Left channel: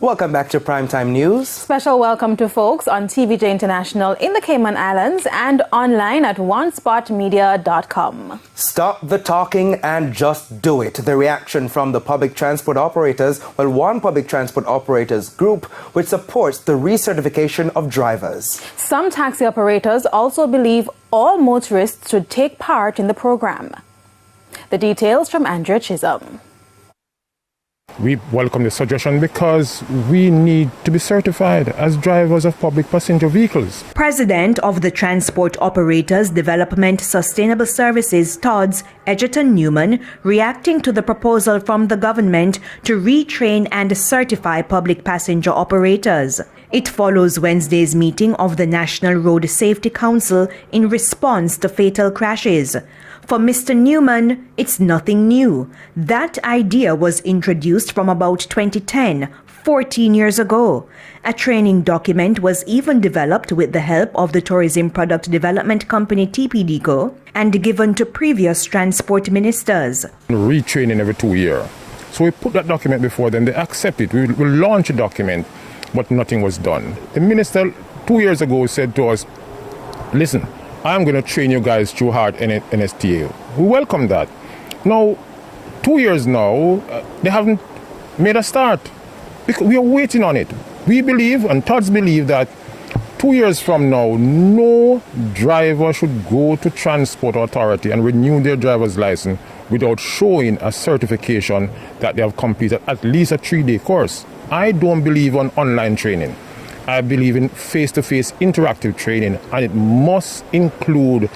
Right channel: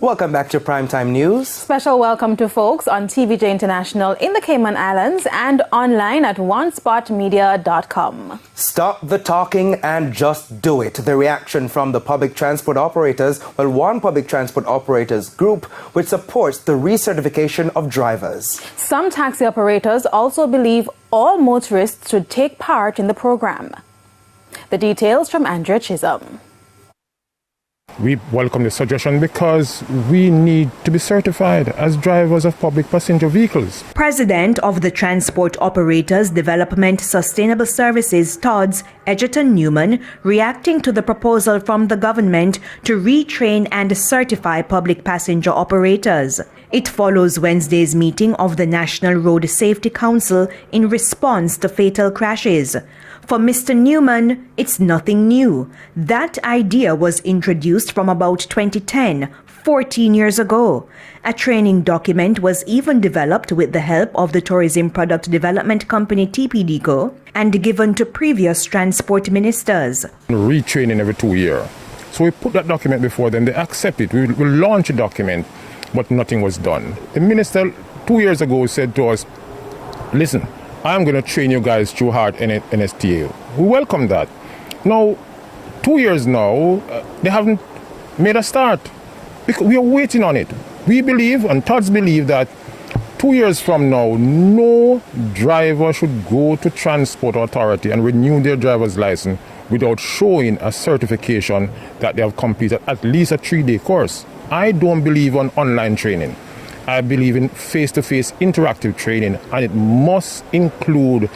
Welcome back to Primetime News. Special welcome to folks on TVJ International in the Cayman Islands and online at onespotmedia.com. Stop the talking and just do it. The reaction from the public transport operators, one public transport operators group which supports the recertification of drivers. Some taxi operators also believe all motorists should take part in the program. The details from Andrea Chisholm. We welcome the suggestion because we need to be certified as drivers of public passenger vehicles. President of the Transport Operators Development Sustainable Services, TODS, Egerton Newman, reacting to the proposal from the government to retrain and certify public passenger operators. It follows Wednesday's meeting of the National Road Safety Council in response to fatal crashes. For Mr. Newman, it's nothing new. That idea was introduced from about 2010, 14 years ago. A training document was even developed with the help of the tourism product development company TPDCO and given to previous transport ministers. Retraining every 2 years. So we put that document before them, they accept it. We launch a document, but nothing was done. The minister 2 years ago said to us, listen, I'm going to train you guys through hard NSTA. We welcome that. Now, 2 years now, they haven't made a start. We are waiting on it. We believe, and TODS believe, that 2 years from now, no driver should go to Transport Authority and renew their driver's license without showing a certification that they have completed at least a 3-day course. I don't believe on online training. I believe in face-to-face interactive training, and it must include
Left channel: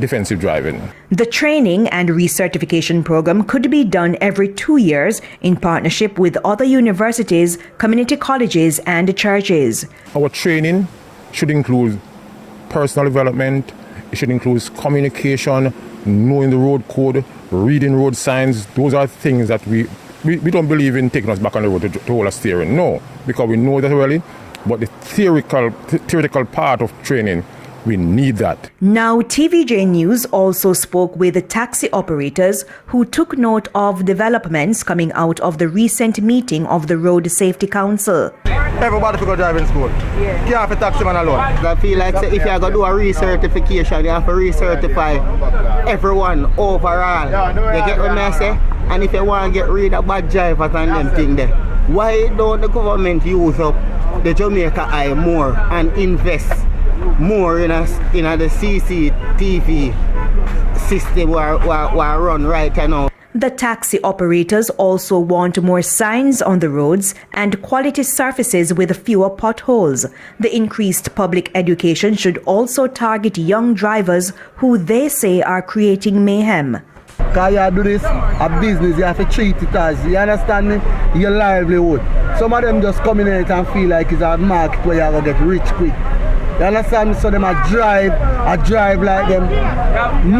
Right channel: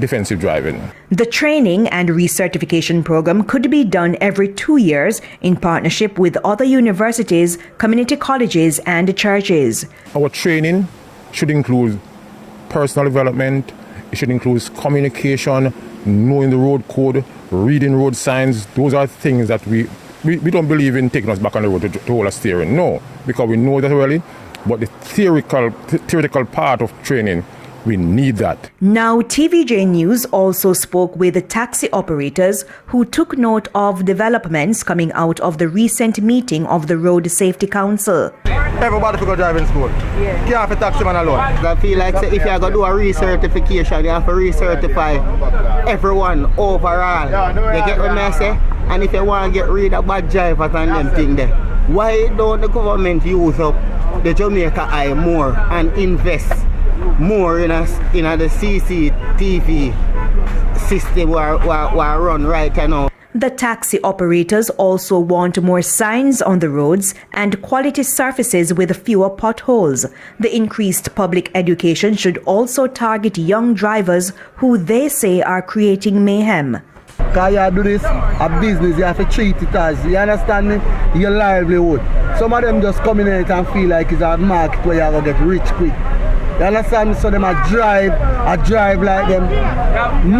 defensive driving. The training and recertification program could be done every 2 years in partnership with other universities, community colleges, and churches. Our training should include personal development, it should include communication, knowing the road code, reading road signs. Those are things that we don't believe in taking us back on the road to hold us steering. No, because we know that already. But the theoretical part of training, we need that. Now, TVJ News also spoke with the taxi operators who took note of developments coming out of the recent meeting of the Road Safety Council. Everybody should go driving school. Yeah. You have a taxi man alone. I feel like if you're going to do a recertification, you have to recertify everyone overall. You get what I say? And if you want to get rid of bad drivers and them things there, why don't the government use up the Jamaica Eye more and invest more in the CCTV system where run right now? The taxi operators also want more signs on the roads and quality surfaces with fewer potholes. The increased public education should also target young drivers who they say are creating mayhem. Because you do this, a business, you have to treat it as, you understand me, your livelihood. Some of them just come in here and feel like it's a market where you're going to get rich quick. You understand me? So them a drive like them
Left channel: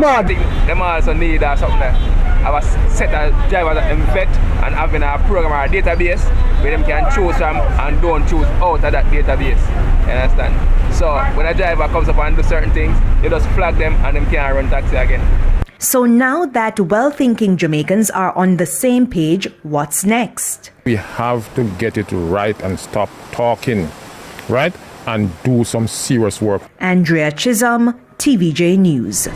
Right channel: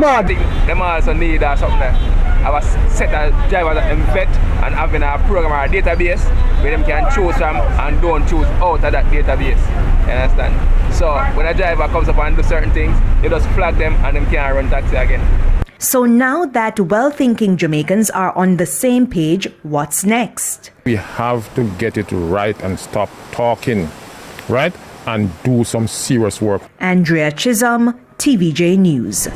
mad. Them also need something that have a set of drivers that vet and having a program or a database where them can choose from and don't choose out of that database. You understand? So when a driver comes up and do certain things, you just flag them and them can't run taxi again. So now that well-thinking Jamaicans are on the same page, what's next? We have to get it right and stop talking, right? And do some serious work. Andrea Chisholm, TVJ News.